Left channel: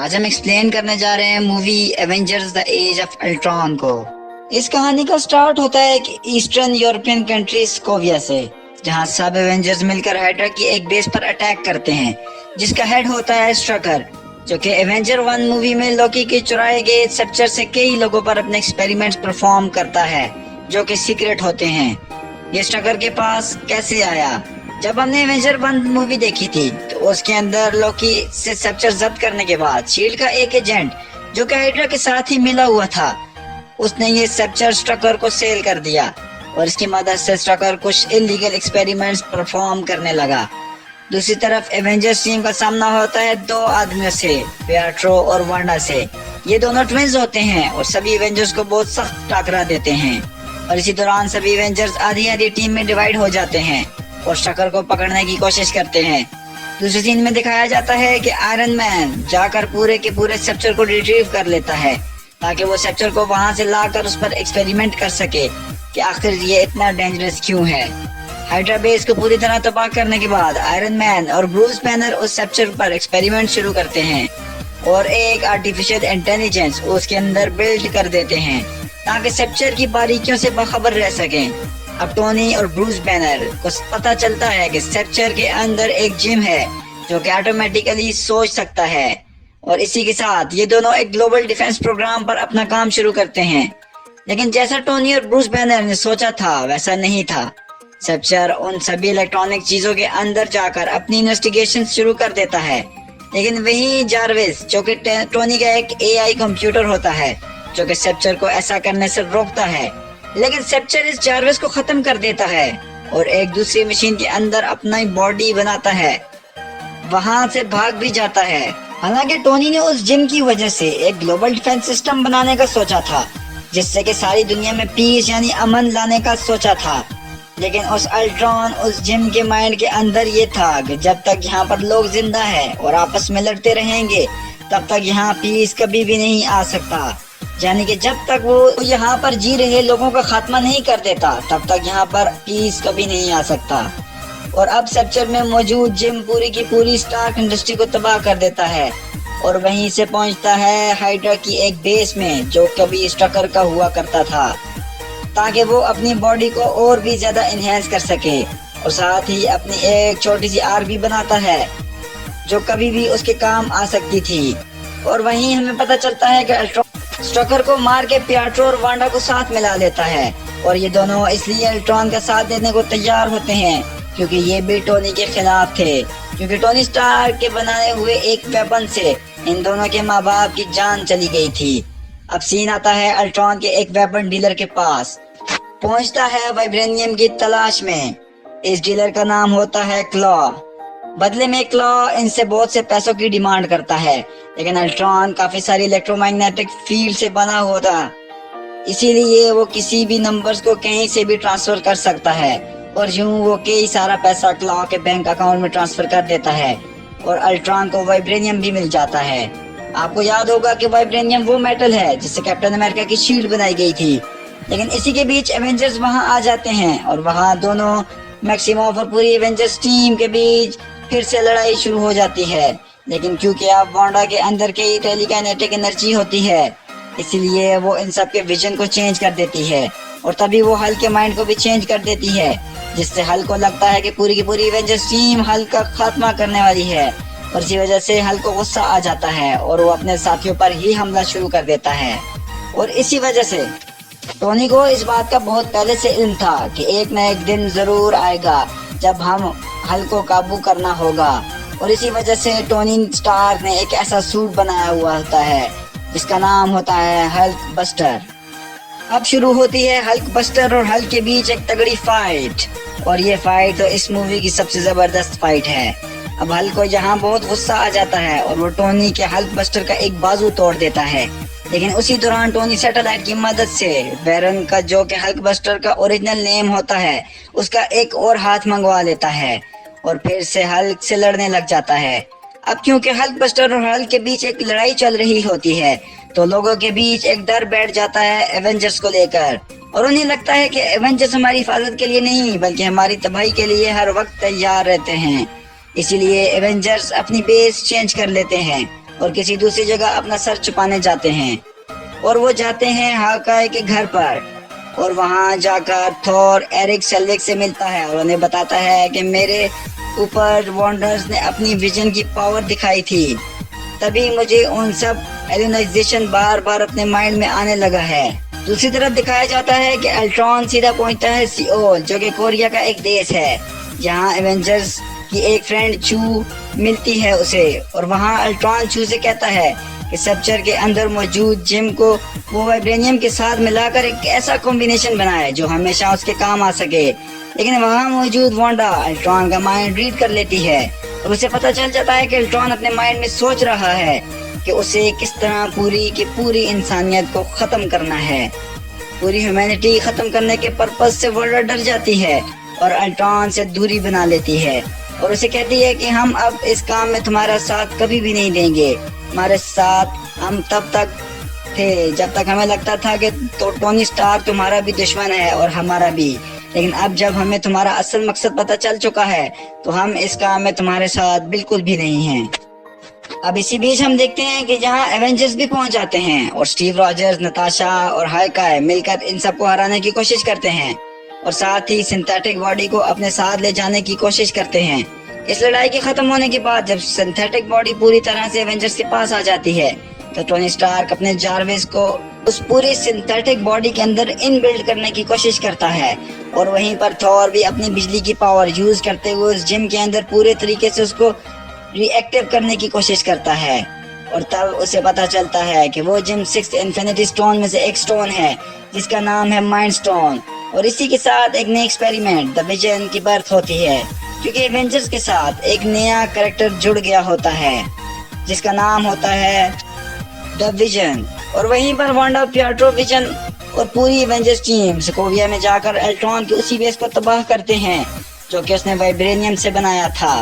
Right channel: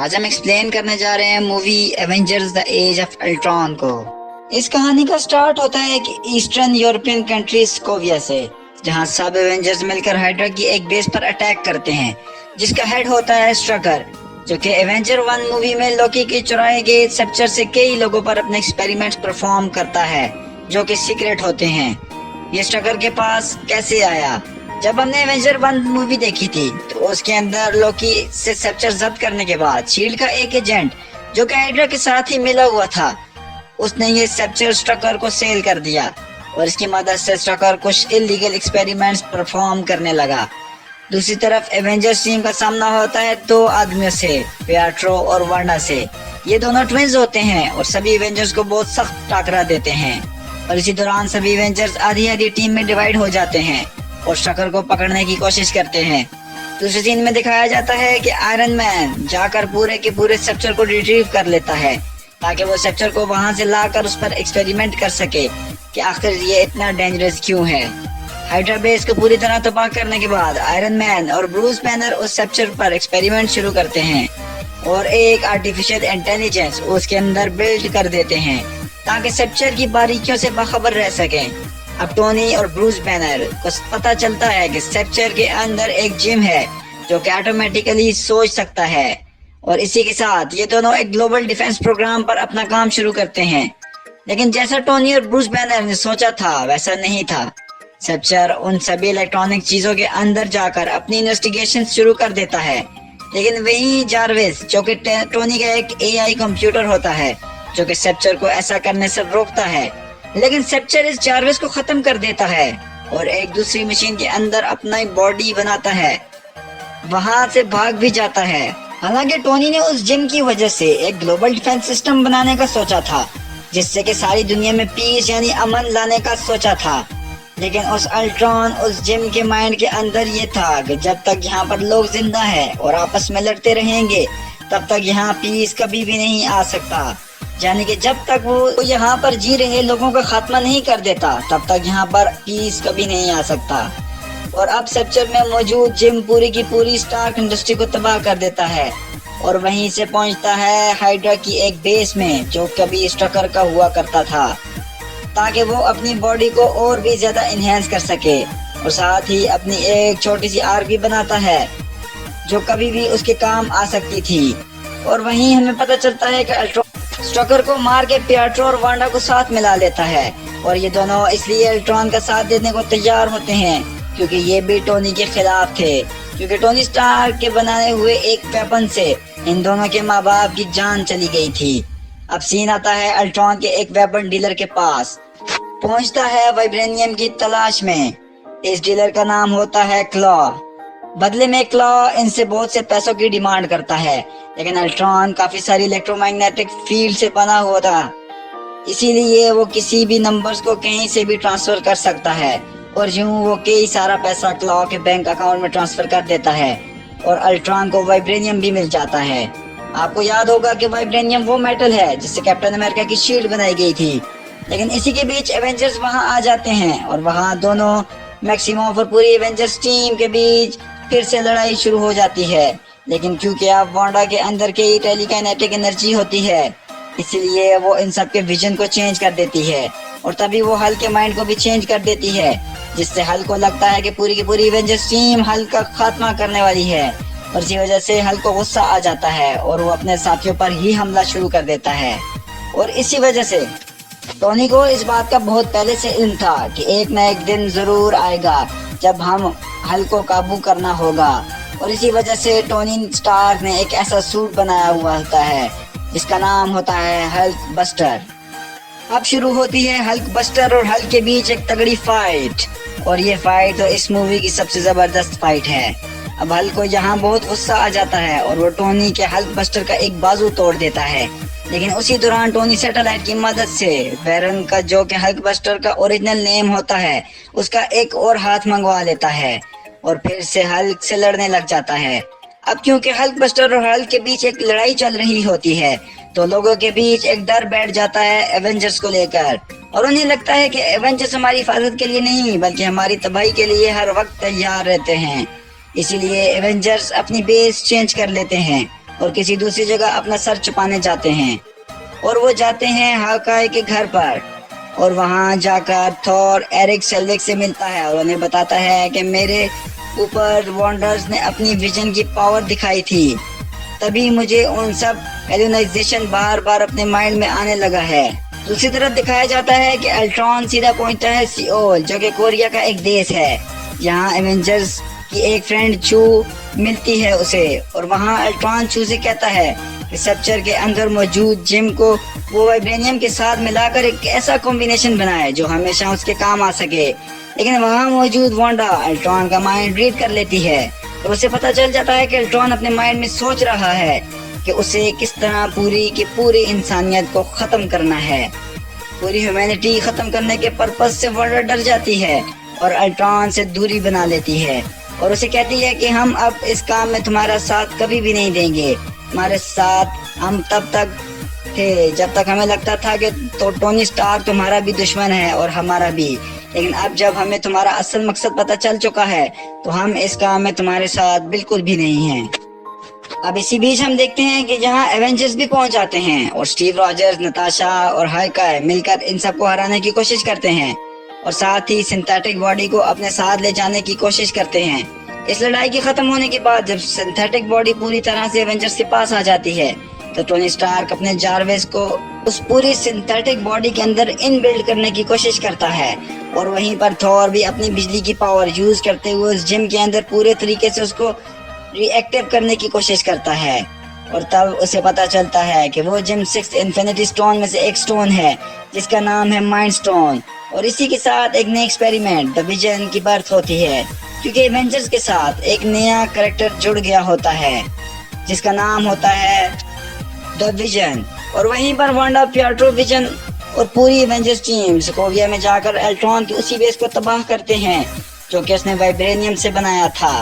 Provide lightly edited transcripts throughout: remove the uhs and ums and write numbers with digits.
आज हम एक्सप्लेन करने जा रहे हैं movie Avengers the age of Ultron को। इस कहानी का स्टार्ट होता है कि ईस्टर्न यूरोपियन कंट्री स्कोविया से, जहां सब एवेंजर्स मिलकर हाइड्रा की एक बेस पर अटैक करते हैं, जिसका हेड होता है स्ट्रकर, जो कि एवेंजर 1 मूवी में लोकी के चुराए गए स्ट्रक्चर से कई लोगों पर अपने एक्सपेरिमेंट्स परफॉर्म करता है, जो कि सीक्रेट होते हैं। ये स्ट्रकर के पास कैसे आया? जब हमने एवेंजर 1 मूवी देखी थी तो उसके अंदर लोकी से स्ट्रक्चर जब्त करने के बाद शील्ड का एक एजेंट, जो कि हाइड्रा के साथ ही मिला हुआ था, उसने ये स्ट्रक्चर स्ट्रकर को सेल कर दिया और इसकी मदद से स्ट्रकर कुछ इलीगल एक्सपेरिमेंट्स परफॉर्म करने लगा। दूसरी तरफ एवेंजर्स टीम का सामना होता है दो आदमियों से, पिएट्रो और वांडा से। ये दोनों ट्विंस होते हैं और सभी एवेंजर्स को बहुत सख्त टकरा देते हैं, और इसी दौरान सभी एवेंजर्स आधी आधी टीम में डिवाइड हो जाते हैं और स्ट्रकर को पकड़ने की कोशिश करते हैं। दूसरे सीन में दिखाया जाता है कि आयरन मैन जाकर पूरे के पूरे स्ट्रक्चर को रिट्रीव कर लेता है, ताकि वो स्ट्रक्चर को वहां से लाकर उस पर एक्सपेरिमेंट कर सके कि आखिर ये इतना डेंजरस क्यों है। हाइड्रा बेस को पूरी तरह तबाह करने के बाद आयरन मैन और ब्रूस बैनर उस स्ट्रक्चर पर एक्सपेरिमेंट शुरू करते हैं और एक आर्टिफिशियल इंटेलिजेंस उसके अंदर बिल्ड कर देते हैं, ताकि स्ट्रक्चर की बारीकियों से बाखबर रह सकें। अब टोनी और ब्रूस बैनर को पता चलता है कि स्ट्रक्चर के अंदर एक जिम है जो कि ऑटोमेटिकली सोच सकता है, और इसी के साथ ये दोनों एक ग्लोबल डिफेंस प्रोग्राम पर अपना काम शुरू करते हैं। लेकिन जैसा टोनी और ब्रूस बैनर ने सोचा था वैसा नहीं था। स्ट्रक्चर उन सभी इलेक्ट्रॉनिक चीजों के अंदर जाकर अपनी इन्वेस्टिगेशन शुरू कर देता है, लेकिन वही जारविस, जो कि टोनी का एक एआई कंप्यूटर होता है, जो कि स्ट्रक्चर को ऐसा करने से रोकता है। लेकिन स्ट्रक्चर इस जारविस को खत्म कर देता है और एक दूसरी मशीन के अंदर अपना बॉडी बनाता है, वहां से भाग भी जाता है। हालांकि टोनी ने उस जिम की वजह से एक ग्लोबल डिफेंस सिस्टम बनाने का सोचा था, जिससे कि सारी दुनिया में पीस यानी अमन लाने का सोचा था। लेकिन उस अल्ट्रॉन, उस जिम के माइंड के अंदर ये था कि जब तक यहाँ पर लोग जिंदा हैं और आपस में लड़ते रहेंगे, तब तक यहाँ पीस कभी भी नहीं आ सकता। यानी कि जब तक वो यहाँ पर जी रहे लोगों का खात्मा नहीं कर देता, तब तक यहाँ पर पीस कभी नहीं आ सकता। और अब स्ट्रक्चर में मौजूद जिम पूरी की पूरी स्टार्क इंडस्ट्री को तबाह कर देता है और वहीं से पहुंचता है हाइड्रा की एक बेस में, जो कभी स्ट्रकर का हुआ करता था, ताकि वो अपनी बॉडी को और भी ज्यादा इनहेंस कर सके, और साथ ही अपनी एक छोटी सी आर्क भी बनाता है जो कभी भी उसके काम आ सकती थी। और वहीं हमें पता चलता है कि स्ट्रकर को मार के पिएट्रो और वांडा को साथ मिला लेता है, और ये दोनों इसलिए अल्ट्रॉन का साथ देने को तैयार होते हैं क्योंकि ये भी टोनी के खिलाफ थे, क्योंकि टोनी स्टार्क के बनाए हुए एक वेपन से इन दोनों के माँ बाप की जान चली गई थी। अब सीन आता है अल्ट्रॉन के एक वेपन डीलर के पास। पहुंचता है वाइब्रेनियम की तलाश में। इस डीलर का नाम होता है क्लॉ। बदले में क्लॉ इनसे बहुत से पैसों की डिमांड करता है, लेकिन अल्ट्रॉन काफी सारी इलेक्ट्रोमैग्नेटिक फील्ड से बना हुआ था, इसीलिए वो किसी भी नंबर्स को कहीं से भी ट्रांसफर कर सकता है, और यूं वो कई सारा पैसा क्लॉ के बैंक अकाउंट में ट्रांसफर कर देता है और अल्ट्रॉन को वाइब्रेनियम भी मिल जाता है। आपको याद होगा कि वाइब्रेनियम वो मेटल है जिससे कैप्टन अमेरिका की शील्ड बनाई गई थी। लेकिन इसी के बीच एवेंजर्स वहां आ जाते हैं और वहां दोनों मैक्सिमॉफ और पूरी एवेंजर्स टीम के बीच फिर से लड़ाई शुरू हो जाती है। लेकिन क्योंकि अब वांडा के अंदर कई टेलीकाइनेटिक एनर्जी होती है, इसलिए वो इन सब के विजन को चेंज कर देती है, और तभी वो हल्क के माइंड को भी चेंज कर देती है, जिससे हल्क को लगता है कि पूरी की पूरी एवेंजर्स टीम हल्क का खात्मा करने वाली है। और इसी वजह से हल्क को गुस्सा आ जाता है और वो अपने साथियों पर ही हमला शुरू कर देता है। और इसी वजह से टोनी को इस बात का बहुत पहले से इल्म था कि एक न एक दिन जरूर आएगा जब हम हल्क को काबू करना होगा, और इसी वजह से टोनी स्टार्क ने एक ऐसा सूट बनाया हुआ होता है जिसका नाम होता है हल्क बस्टर। अब शुरू होती है हल्क बस्टर और हल्क के बीच एक तगड़ी फाइट, और ये फाइट तो इस मूवी की सबसे जबरदस्त फाइट है। अब हल्क को यहाँ बहुत गुस्सा आ जाता है और वो टोनी के हल्क बस्टर का एक बाजू तोड़ देता है। लेकिन उसी दौरान टोनी सैटेलाइट की मदद से वेरन का, जो कि हल्क बस्टर का ओरिजिनल नेम होता है, उसका एक और हाथ मंगवा लेता है और फिर से हल्क से लड़ने लग जाता है। अब क्योंकि हल्क बस्टर और हल्क के बीच एक लड़ाई चल रही होती है, तो लोगों के बीच एक डर बैठ जाता है एवेंजर्स को लेकर, और उन्हें लगता है कि एवेंजर्स हमारी हिफाजत के लिए नहीं बल्कि हमारी तबाही के लिए हर वक्त तैयार रहते हैं। इसीलिए एवेंजर्स अपनी बेस चेंज कर लेते हैं और किसी दूसरी जगह अपना सर छुपाने जाते हैं। और वो जाते हैं हॉकाई के घर पर, और वहां जाकर थोर एरिक सेल्विक से मिलता है और उन्हें बताता है कि मेरे ऊपर वॉन्डर्स ने अपनी विजन की पावर दिखाई थी, तभी मुझे उन सब हेलुनाइजेशन बार बार अपने माइंड में आने लगा है। दूसरी तरफ दिखाया जाता है कि अल्ट्रॉन सीधा पहुंचता है सियोल, जो कि कोरिया का एक देश है, जहां एवेंजर्स की एक फ्रेंड चू मिलती है उसे। और वहां अल्ट्रॉन चू से कहता है कि सब्चर के अंदर मौजूद जेम को वो वाइब्रेनियम के साथ मिलाकर एक ऐसा कॉम्बिनेशन बनाए जो हमेशा उसके काम आ सके। लेकिन वहां मौजूद वांडा अल्ट्रॉन का माइंड रीड कर लेती है, तो उसे पता चल जाता है कि अल्ट्रॉन अपने माइंड में सोच रहा है कि उसे किस तरह पूरी की पूरी इंसानियत को खत्म करना है। पूरी ह्यूमैनिटी खत्म करने के पर्पस से वांडा डर जाती है और अल्ट्रॉन से दूरी बना लेती है और उसे कहती है कि हम अब इस काम में तुम्हारा साथ कभी भी नहीं देंगे। हमारे साथ हम तब तक थे जब तक हमें लगता था कि तो टोनी स्टार्क तुम्हारा भी दुश्मन है और हमारा भी, लेकिन अब जब हमें तुम्हारा असल मकसद पता चल चुका है तो हम इस काम में तुम्हारे साथ बिल्कुल भी नहीं हैं। अब इसी बीच हम देखते हैं कि जहां एवेंजर्स भी पहुंच जाते हैं और स्टीव रॉजर्स, नताशा और हाइकाई मिलकर इन सबको हराने की कोशिश करते हैं और साथ ही सिंथेटिक बॉडी को अपने साथ ले जाने की कोशिश करते हैं। इस लड़ाई के खत्म होने के बाद जब सिंथेटिक बॉडी पूरी तरह से एवेंजर्स के पास आ जाती है तो टोनी स्टार्क अपने जारविस को उस पूरी सिंथेटिक बॉडी के अंदर इनबिल्ड करने की कोशिश करता है और वहीं पर थॉर भी अपनी बिजली की पावर यूज करते हुए उस जिम के अंदर पूरे तरीके से उसको रिएक्टिव करने की कोशिश करता है। और तब उसे पता चलता है कि वो जिम 6 इन्फिनिटी स्टोन में से एक स्टोन है जिसका नाम है माइंड स्टोन। और इसी के साथ एक नई एक्सपेरिमेंट द विजन की बर्थ होती है, क्योंकि एवेंजर्स के साथ एक नया कैरेक्टर जुड़ गया होता है जिसका नाम होता है द विजन। और वहीं पर वांडा, पिएट्रो, विजन और पूरी एवेंजर्स टीम सोकोविया में जाकर अल्ट्रॉन के उसी बेस को तबाह करते हैं जो कि उसने वाइब्रेनियम से बनाया था।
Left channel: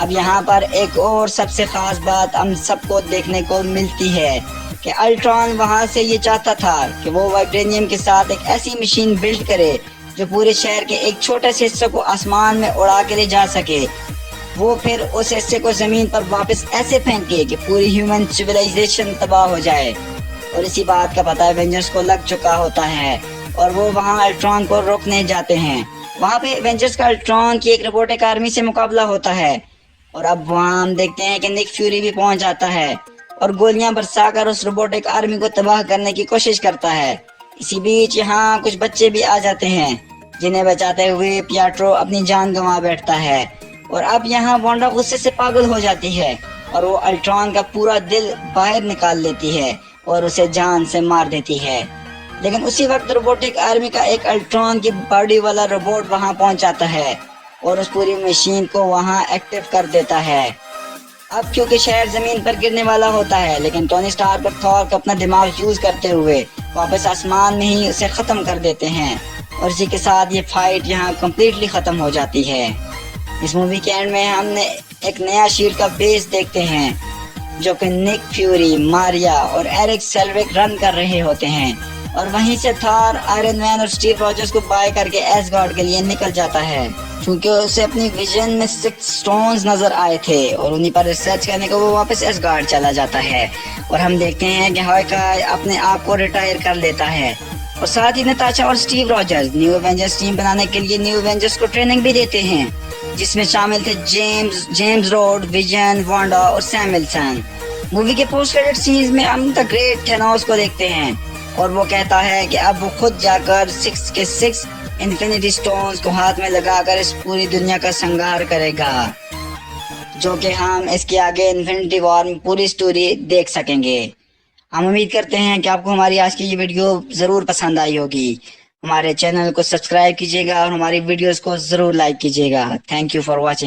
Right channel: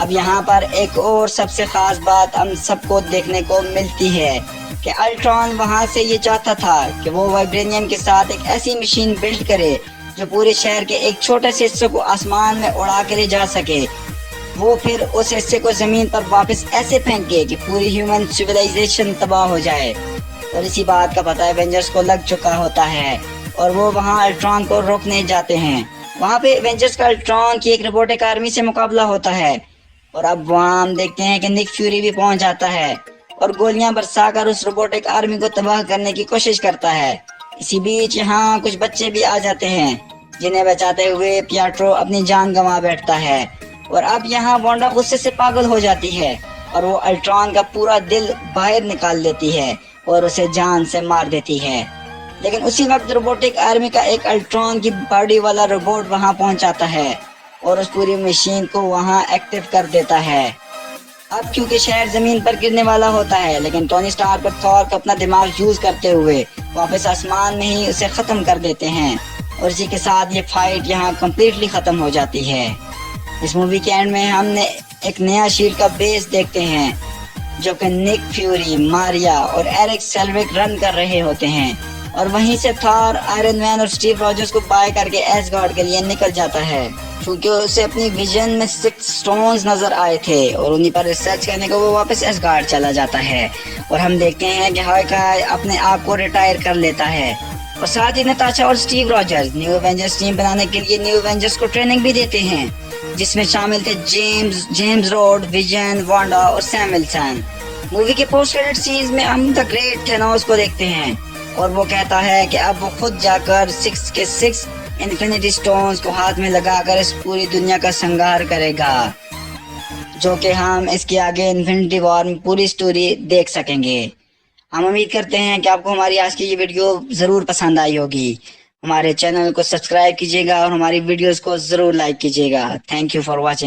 अब यहाँ पर एक और सबसे खास बात हम सबको देखने को मिलती है कि अल्ट्रॉन वहां से ये चाहता था कि वो वाइब्रेनियम के साथ एक ऐसी मशीन बिल्ड करे जो पूरे शहर के एक छोटे से हिस्से को आसमान में उड़ा के ले जा सके। वो फिर उस हिस्से को जमीन पर वापस ऐसे फेंके कि पूरी ह्यूमन सिविलाइजेशन तबाह हो जाए। और इसी बात का पता एवेंजर्स को लग चुका होता है और वो वहाँ अल्ट्रॉन को रोकने जाते हैं। वहाँ पे एवेंजर्स का अल्ट्रॉन की एक रोबोटिक आर्मी से मुकाबला होता है और अब वहाँ हम देखते हैं कि निक फ्यूरी भी पहुंच जाता है और गोलियां बरसाकर उस रोबोटिक आर्मी को तबाह करने की कोशिश करता है। इसी बीच यहाँ कुछ बच्चे भी आ जाते हैं जिन्हें बचाते हुए पिएट्रो अपनी जान गंवा बैठता है। और अब यहाँ वांडा गुस्से से पागल हो जाती है और वो अल्ट्रॉन का पूरा दिल बाहर निकाल लेती है और उसे जान से मार देती है। लेकिन उसी वक्त रोबोटिक आर्मी का एक अल्ट्रॉन की बॉडी वाला रोबोट वहां पहुंच जाता है और उस पूरी मशीन को वहां एक्टिव कर देता है। अब क्योंकि शहर जमीन पर गिरने वाला होता है, लेकिन टोनी स्टार्क और थॉर का अपना दिमाग यूज करते हुए वापस आसमान में ही उसे खत्म कर देते हैं और इसी के साथ ये फाइट यहाँ कम्प्लीटली खत्म हो जाती है। इस मूवी के एंड में हमने एक नया शील्ड का बेस देखते हैं जो कि निक फ्यूरी, मारिया और एरिक सेल्विक रन कर रहे होते हैं और वहीं से थॉर, आयरन मैन और स्टीव रॉजर्स को बाय करके एसगार्ड के लिए निकल जाता है, क्योंकि उसे अपनी विजन में 6 स्टोन्स नजर आए थे और उन्हीं पर रिसर्च करने को वो वापस एसगार्ड चला जाता है। और हम देखते हैं कि हॉकाई अपने आप को रिटायर कर लेता है और साथ ही नताशा और Steve Rogers new Avengers team बनाने के लिए न्यू एवेंजर्स को ट्रेनिंग भी देते हैं, जिसमें शामिल थे जेम्स रोड, विजन, वांडा और सैम विल्सन। मूवी के पोस्ट क्रेडिट सीन्स में हम द ग्रेट थैनोस को देखते हैं और वो कहता है कि अब वो खुद जाकर 6 के 6 इन्फिनिटी स्टोन्स को हाथ में लगाकर इस पूरी दुनिया का संहार करेगा, जो कि हम इसके आगे इन्फिनिटी वॉर में पूरी स्टोरी देख सकेंगे। हम उम्मीद करते हैं कि आपको हमारी आज की ये वीडियो जरूर पसंद आई होगी। हमारे चैनल को सब्सक्राइब कीजिएगा और हमारी वीडियोस को जरूर लाइक कीजिएगा। Thank you for watching.